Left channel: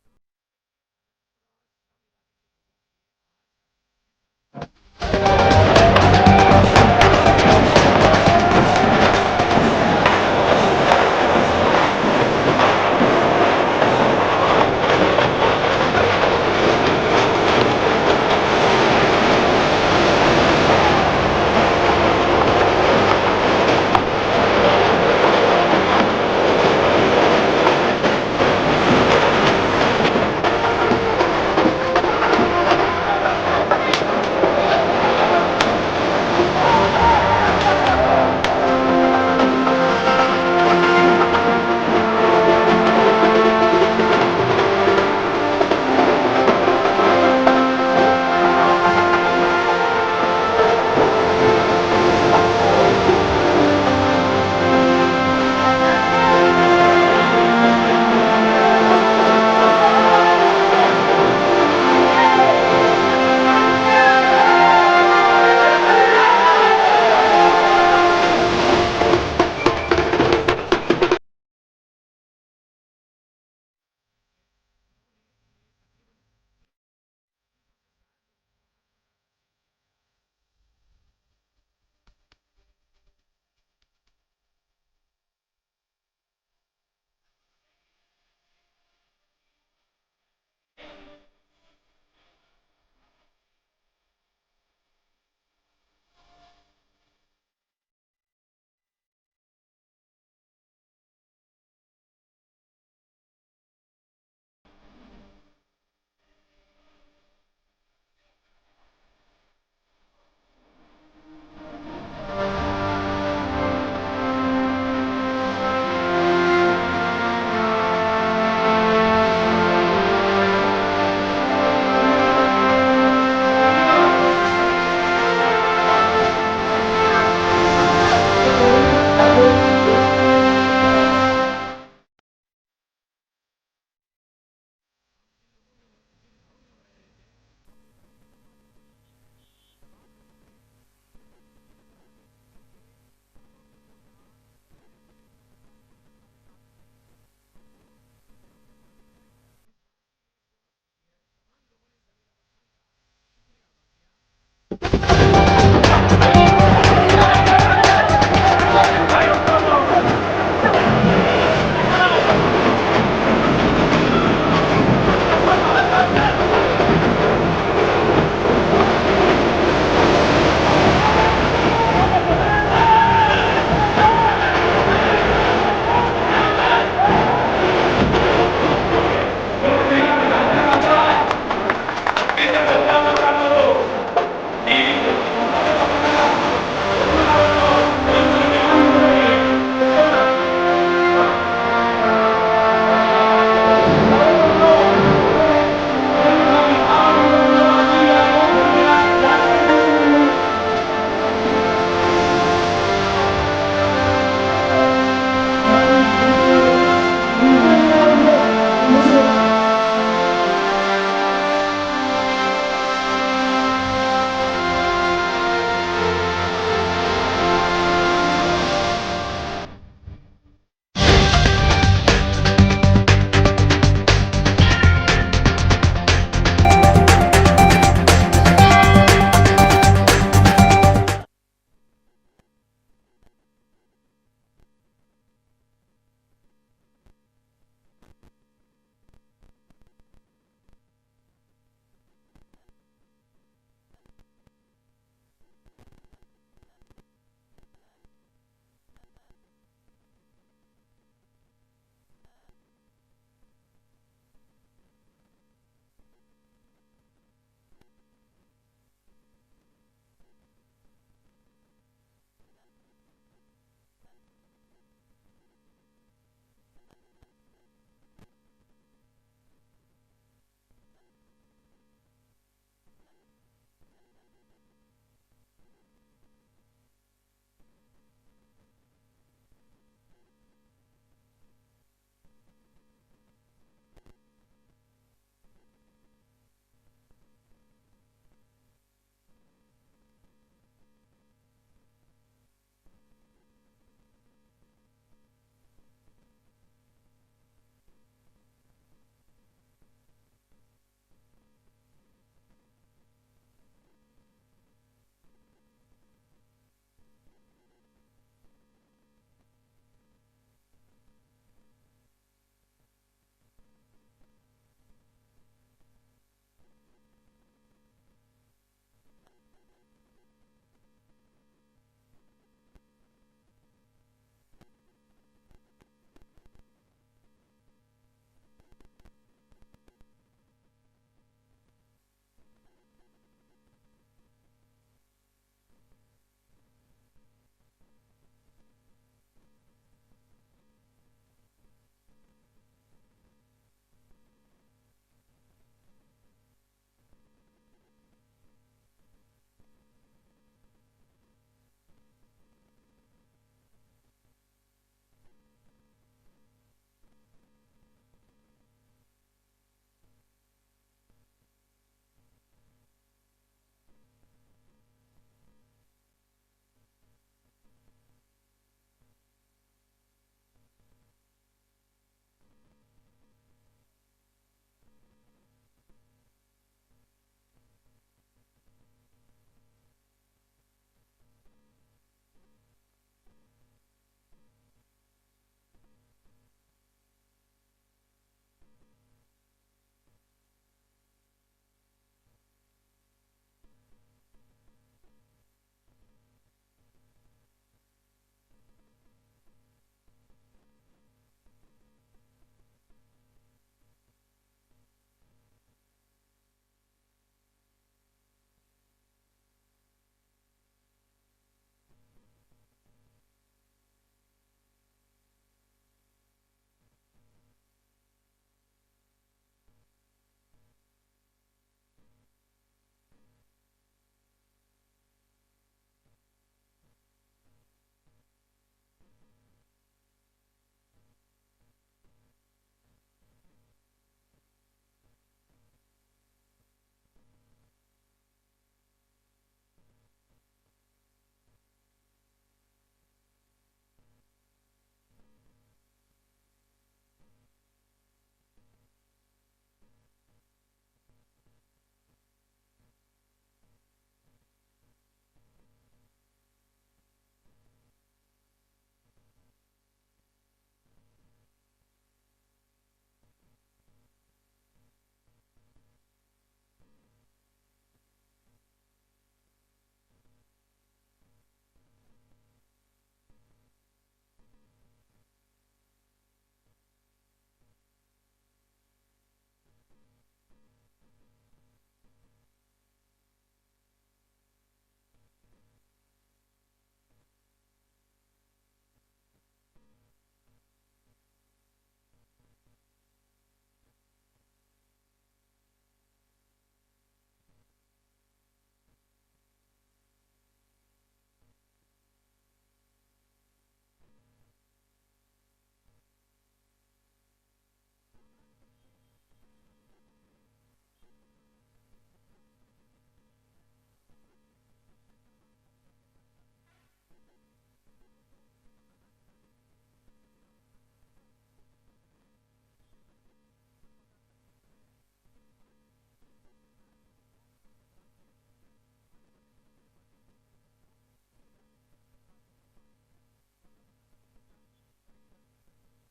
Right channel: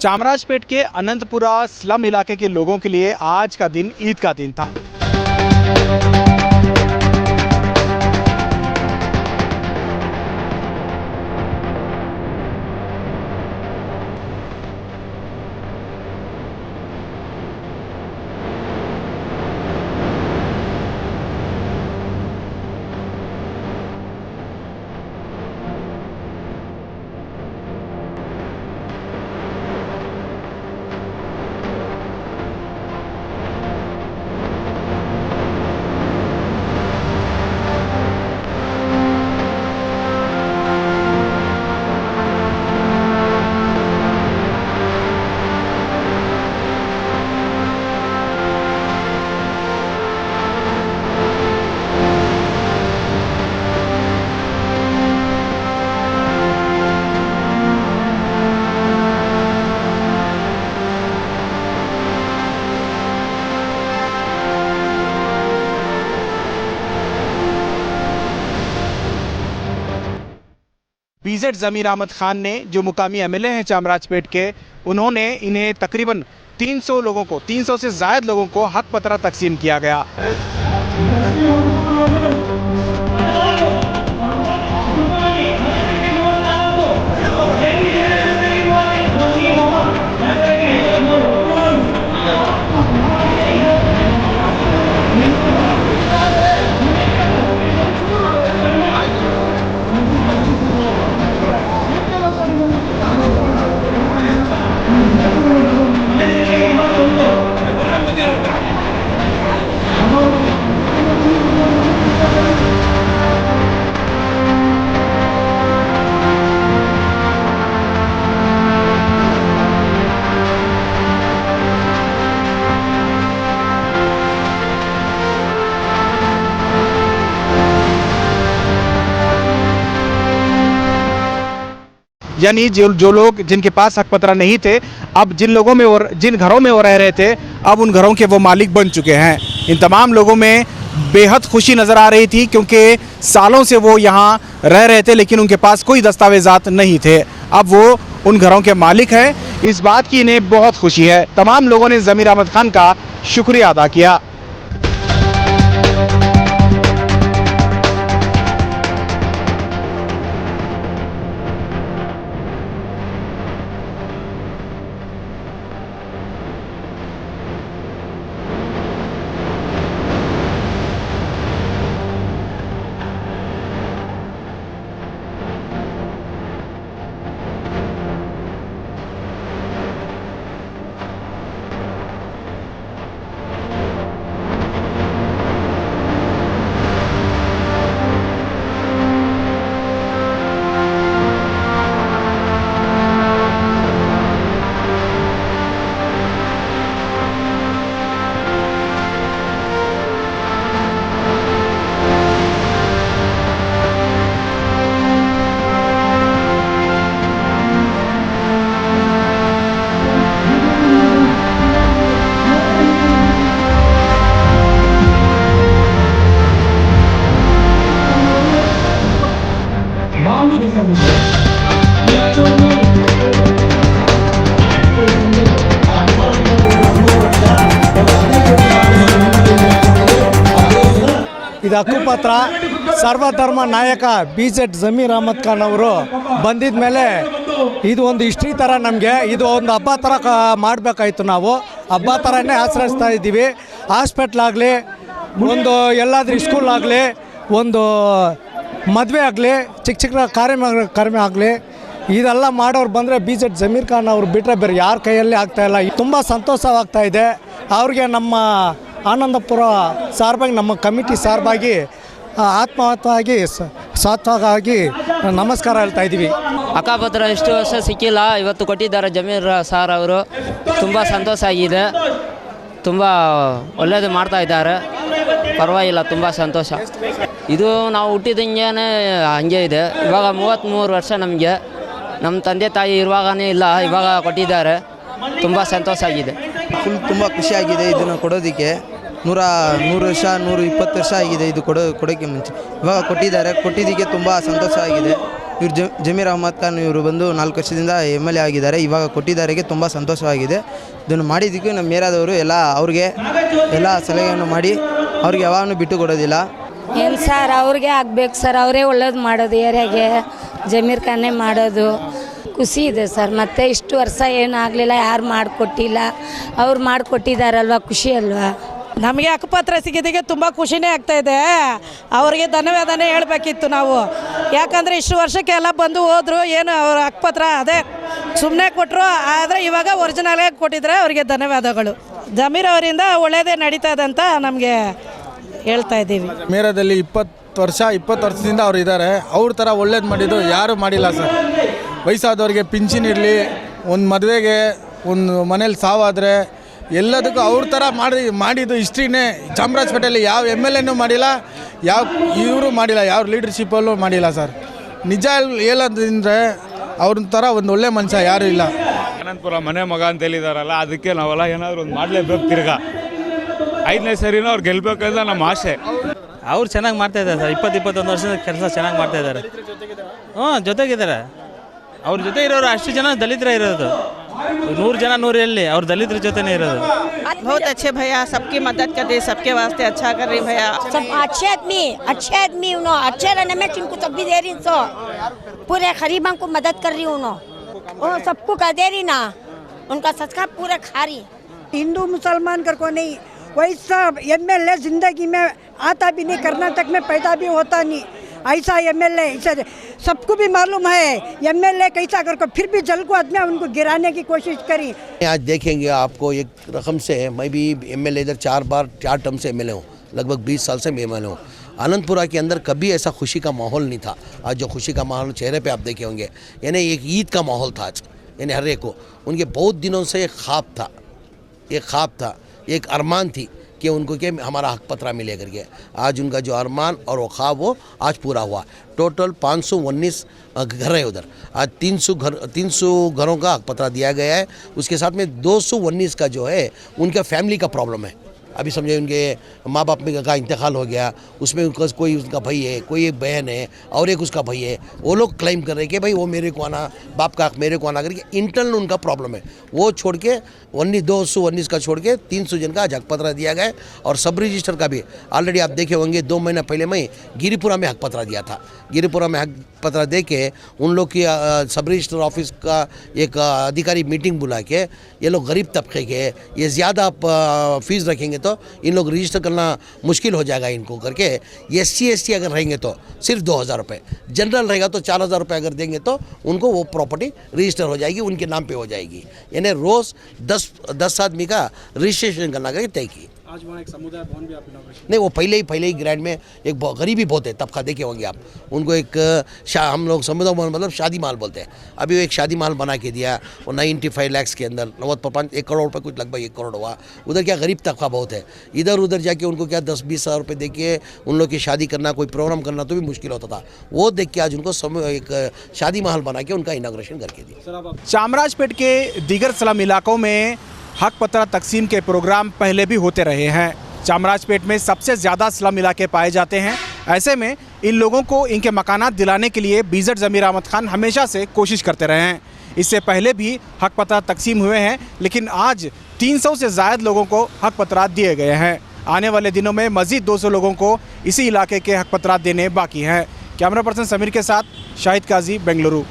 चामराजपेट के अनंतपुरा स्लम इलाके के लोगों के लिए आज का दिन ईद का दिन था। बीजेड ज़मीर अहमद खान ने, जो मुकामी एमएलए हैं चामराजपेट के, उन्होंने इन्हें तकरीबन 300 से ज़ायद लोगों को हक पत्रा तकसीम किया गया। यानी जो लोग जिनके पास हक पत्रा नहीं थे, अब जिन घरों में वो रह रहे थे, अब उन घरों के वो मालिक बन चुके हैं। इन तमाम लोगों में बेहद खुशी नज़र आ रही थी, क्योंकि सालों से वो यहाँ रह रहे थे लेकिन उनके पास कोई दस्तावेज़ात नहीं थे। अब वो उन घरों के मालिक हैं। इस बात की इन्हें बहुत खुशी है। तमाम लोगों ने ज़मीर अहमद खान का शुक्रिया अदा किया। ಇದು ಹಕ್ಕುಪತ್ರ ಸರ್ವಧರ್ಮ ನಾಯಕ ಬಿಜೆಡ್ ज़मीर अहमद खान ಅವರು ಬಂದಿದ ಮೇಲೆ ಇದು ಒಂದು ಹಿಸ್ಟ್ರಿ ಥರ ನಮಗೆ ಇದು ಒಂದು ಹಬ್ಬ ಥರ ಮಾಡಬೇಕಾಯಿತು. ನಾವು ಹಬ್ಬ ಥರನೇ ಆಚರಿಸ್ತಾ ಇದ್ದೀವಿ. ಹಾಸ್ಪಿಟ್ಲ್ ಆಗಲಿ, ಒಂದು ಎಲ್ಲಾದ್ರೂ ಸ್ಕೂಲ್ ಆಗಲಿ, ಒಂದು ಮದುವೆ ಆಗಲಿ, ಚಿಕ್ಕ ಚಿಕ್ಕ ಕಾರ್ಯ ಆಗಲಿ, ಇದೆಲ್ಲ ಮಾಡೋರು ಬಂದರೆ ಬಿಜೆಡ್ ज़मीर खान ಅವರು ಬಿಟ್ಟರೆ ಬೇರೆ ಯಾರ ಕೈಯಲ್ಲಿ ಆಗ್ತಾಯಿಲ್ಲ. ತುಂಬ ಸಂತೋಷವಾಗ್ತಾ ಇದೆ. ಅವ್ರಿಗೆ ನಮ್ಮ ಆನಂದಪುರ ಸಾರ್ಬಾಗಿ, ನಮ್ಮ ಕಮಿಟಿ ಸಾರ್ಬಾಗಿ ಆತ್ಮಹತ್ಯವಾಗಿ ಸಾತ್ವಾಗಿ ನಮಸ್ಕಾರ ಹೇಳ್ತಾ ಇದ್ದೀವಿ. ಹಕ್ಕುಪತ್ರ ಇಷ್ಟು ವರ್ಷ ಸಿಕ್ಕಿಲ್ಲ, ಇವತ್ತು ಕೊಟ್ಟಿದ್ದಾರೆ ज़मीर ಸಾರ್ ಅವರು. ತುಂಬ ಸಂತೋಷ ಆಗಿದೆ. ತುಂಬ ಒಳ್ಳೆಯದು ಮಾಡ್ತಾ ಇದ್ದಾರೆ. ಪರವಾಗಿಲ್ಲ, ತುಂಬ ಸಂತೋಷ. ಇದು ನಾವು ಹುಟ್ಟಿದಂಗೆ ಹಂಗೆ ಇದೆ. ಇವಾಗ 33 ವರ್ಷ ನಮಗೆ. ನಮ್ಮ ತಂದೆ ತಾಯಿ ಇರುವಾಗನೇ ಇಲ್ಲ, ಇವಾಗ ಕೊಟ್ಟಿದ್ದಾರೆ. ತುಂಬ ಸಂತೋಷ ಆಗಿದೆ. ತುಂಬ ಖುಷಿಯಾಗಿದೆ ಇದನ್ನು ಕೊಡೋದಕ್ಕೆ. 100 ವರ್ಷ 120 ವರ್ಷ ಆಗಿದೆ ಇದು ಕೊಡೋಕ್ಕೆ ಮುಂಚೆ. ಇವಾಗ ಕೊಟ್ಟಿದ್ದಾರೆ. ಕೊಟ್ಟಿದ್ದಕ್ಕೆ ತುಂಬ ಸಂತೋಷ ಆಗಿದೆ. ಇವ್ರು ಜಮೀರ್ ಅಹಮದ್ ಖಾನ್ ಇವರು ಬಂದು 4 ವರ್ಷದಿಂದ MLA ಆಗಿದ್ದಾರೆ. ಇವಾಗ ಕೊಟ್ಟಿದ್ದಾರೆಗೆ ತುಂಬ ಸಂತೋಷವಾಗಿದೆ. ಇದನ್ನು ಮಾಡಿದ್ದಕ್ಕೆ ನಮ್ಮ ಏರಿಯಾದವರು ಎಲ್ಲ ಅವ್ರಿಗೆ ಎಲ್ಲ ಸಲಹೆಯನ್ನು ಮಾಡಿ ಅವ್ರಿಗೆ ಯಾವಾಗಲೂ ಬಿಟ್ಟು ಕೊಡೋದಿಲ್ಲ. ಏನು ಸರ್ ಅವ್ರಿಗೆ ಆಗ್ಬೇಕು ಸರ್, ಅವರೇ ಒಳ್ಳೇದು ಮಾಡೋದು ಏರಿಯಾಗೆ, ಜಮೀರ್ ಖಾನೇ ಮಾಡೋದು. ಖುಷಿ ಇದೆ ಸರ್. ಮತ್ತೆ ಇಷ್ಟು ವರ್ಷ ಏನು ಆಗಲಿಲ್ಲ, ಯಾರು ಮಾಡಿಕೊಟ್ಟಿಲ್ಲ, ಅವ್ರು ಮಾಡಿಕೊಟ್ಟಿದ್ದಾರಲ್ವ, ಖುಷಿ ಅಲ್ವಾ. ನಮಗೆ ಹಕ್ಕುಪತ್ರ ಸಿಗೋದಕ್ಕೆ ತುಂಬ ಖುಷಿನೇ ಆಗ್ತಾಯಿದೆ. ಅವರಿಗೆ ಧನ್ಯವಾದನೇ ಹೇಳಬೇಕಿತ್ತು ನಾವು. ಯಾಕಂದರೆ ಇಷ್ಟು ವರ್ಷಕ್ಕೆ ಎಲ್ಲ ಬಂದು ಹೋದರು, ಏನು ಅವ್ರ ಹಕ್ಕುಪತ್ರ ಅದೇ ಸುಮ್ಮನೆ ಕೊಟ್ಟರು. ಆದರೆ ಇವಾಗ ಒರಿಜಿನಲಾಗಿ ಕೊಟ್ಟಿದ್ರೆ ಅವರಿಗೆ ಧನ್ಯವಾದಗಳು. ಜಮೀರ್ ಅವರಿಂದ ಒಳ್ಳೆಯದೇ ನಡೀತಾ ಇದೆ ಅಂತ ನಮಗೆ ಹೇಳ್ತಾ ಇದ್ದೀವಿ. ಮೇರದಲ್ಲಿ 20 ವರ್ಷದಿಂದ ಅವ್ರು ಇದ್ದಾರೆ. ಅವ್ರ ಥರ ಒಳ್ಳೇದು ಮಾಡಿದ್ದು ಯಾರೂ ಮಾಡಿಲ್ಲ ಸರ್. ವಯಸ್ಸಾದವ್ರಿಗೆ ಪಿಂಚಿನ್ ಇರಲಿ, ಒಂದು ಮದುವೆಗೆ, ಒಂದು ಮನೇಲಿ ಸಾವಾದರೆ ಎಲ್ಲದಕ್ಕೂ ಅವ್ರ ಥರ ಮಾಡಿದ್ದು ಹಿಸ್ಟ್ರಿನೇ. ಚಾಮರಾಜಪೇಟೆಯಲ್ಲಿ ಯಾವ MLAನೂ ಮಾಡಿಲ್ಲ, ಯಾವ ಇವರು ಮಾಡಿಲ್ಲ, ಯಾವ ಲೀಡರ್ಶಿಪ್ಪಲ್ಲೂ ಮಾಡಿಲ್ಲ ಸರ್. ನಿಜ ಹೇಳೋದಂದರೆ ಅವ್ರ ಥರ ಒಂದು ಒಳ್ಳೆ ಮನುಷ್ಯ ಯಾರೂ ಇಲ್ಲ. ಅನಂತಪುರ ಮನೆ ಮಗ ಅಂತ ಹೇಳಿದಾರಲ್ಲ, ಅದಕ್ಕೆ ನಾವೆಲ್ಲ ಏನಾದರೂ ಒಂದು ಮಾಡಲೇಬೇಕು. ತಿರ್ಗಾ 5ನೇ ಸರಿನೂ ಅವ್ರು ಗೆಲ್ಲಬೇಕಂತ ನಮ್ಮ ಆಸೆ. ಅವ್ರು ಚೆನ್ನಾಗಿ ಮಾಡ್ತಾಯಿದ್ದಾರೆ ಸರ್. 20-21 ವರ್ಷದ ಕೆಲಸ ಚೆನ್ನಾಗಿ ಮಾಡ್ತಾಯಿದ್ದಾರೆ. ಜೊತೆಗಿದ್ದಾರೆ. ಅವ್ರ ಜೊತೆ ಇರೋರು ಅಷ್ಟು ಜನ ದಲಿತರೇ ಇರೋದು. 100 ಜನ 100 ಎಲ್ಲಿ ಅವ್ರು ದಲಿತರ ಜೊತೆನೇ ಇರೋದು. बहुत अच्छे भैया, सबकी मदद कर रहे, सबके वास्ते अच्छा कर रही भैया. सब अच्छे आदमी उन्होंने अच्छे रहने में जिनको सब भी दे रही सो, पूरे गरीबों को मदद कर रही उन्होंने, सबको कर दे रही ना, उनका सचका पूरा खा रही. हिंदू मुसलमान कर को नहीं, वैसा MLA जिंदगी में आता भी नहीं, कर्नाटक में पैदा भी होता नहीं. ऐसा MLA सबको भी मालूम है MLA कैसा कर को, फिर भी जल को आदमी उनको गिराने की कोशिश करी. आज देखेंगे आपको एक रकम से, मैं भी MLA इधर 4 टर्म से MLA हूँ, लगभग 20 साल से मैं MLA हूँ. आनंदपुरा के अंदर कभी ऐसा खुशी का माहौल नहीं था. आज जो खुशी का माहौल चेहरे पे आप देखे होंगे, यानी एक ईद का माहौल था आज. यानी हर एक को उनके बहुत दिनों से एक ख्वाब था, एक अरमान थी कि उनको क्या हमारा हक पत्रा मिले करके. आज उनका जो अरमान और वो ख्वाब वो आज पूरा हुआ. टोटल 519 घर है उधर. आज 300 घरों का हक पत्रा दिया गया है. उसके साथ में 219 का जो है उनका फैमिली का प्रॉब्लम है. अभी समझे उनके माँ बाप में का इंतकाल हो गया, उसमें उनका कोई उसका भाई है, कोई एक बहन है और एक उसका भाई है. वो लोग क्लेम कर रहे हैं कि भाई वो मेरे को आना, बाप का मेरे को आना करके इंटरनल उनका प्रॉब्लम है. वो छोड़ के 219 का छोड़ के 300 जन का हक पत्रा दिया गया. और सब रजिस्टर का भी ऑलरेडी आप देखे होंगे. 2 महीना पहले मैं गिरिपुरा में हक पत्रा दिया था. गिरिपुरा में हक पत्रा दे के उन लोग की सब रजिस्टर ऑफिस का एक अधिकारी मीटिंग बुला के, ये लोग गरीब तबके के, ये ज़्यादा फीस रखेंगे तो इन लोग रजिस्टर करना मुश्किल हो जाएगा इनको करके. SC अगर रहेंगे तो सिर्फ 2000 रुपये, जनरल रहेगा तो 4000 रुपये अगर देंगे तो उनको वो प्रॉपर्टी रजिस्टर हो जाएगी, उनके नाम पे हो जाएगी. यानी रोज़ 10 आदमी का रजिस्ट्रेशन करना करके तय की. आज वहाँ एक समुदाय भवन भी आप नहीं, वो पहले ही ग्रैंड में एक गरीबी बहुत है तबका, देखे होंगे आप. उनको एक हम लोग समुदाय भवन मतलब शादी महल बोलते हैं. अभी वो एक शादी महल बना के दिया, वो 95 लाख के अंदर 1 करोड़ रुपये, कुछ लगभग 1 करोड़ हुआ. उधर क्या गरीब तबका बहुत है. इधर उधर जाके उनको क्या 10-20 हज़ार रुपये दे के उन लोग की शादी करना, कोई प्रोग्राम करना तो भी मुश्किल होता था. वो देख के आज उनको एक शादी महल बना के उनका इनाग्रेशन करके दिया. चामराजपेट के दीगर स्लम इलाकों में हक पत्रा तकसीम के प्रोग्राम पहले भी होते रहे हैं. चामराजपेट में सबसे ज़्यादा स्लम इलाके पाए जाते हैं. ऐसे में इन लोगों को इनके मकानात दिलाने के लिए BZ जमीर अहमद खान हमेशा से कोशिश करते रहे हैं. इससे पहले भी हक पत्रा तकसीम हुए हैं, लेकिन आज 300 से ज़ायद लोगों को हक पत्रा दिए गए हैं. आने वाले दिनों में मज़ीद 200 लोगों को इसी इलाके के हक पत्रा देने बाकी हैं. कैमरा पर्सन समीर के साथ शाहिद काजी, बेंगलुरु.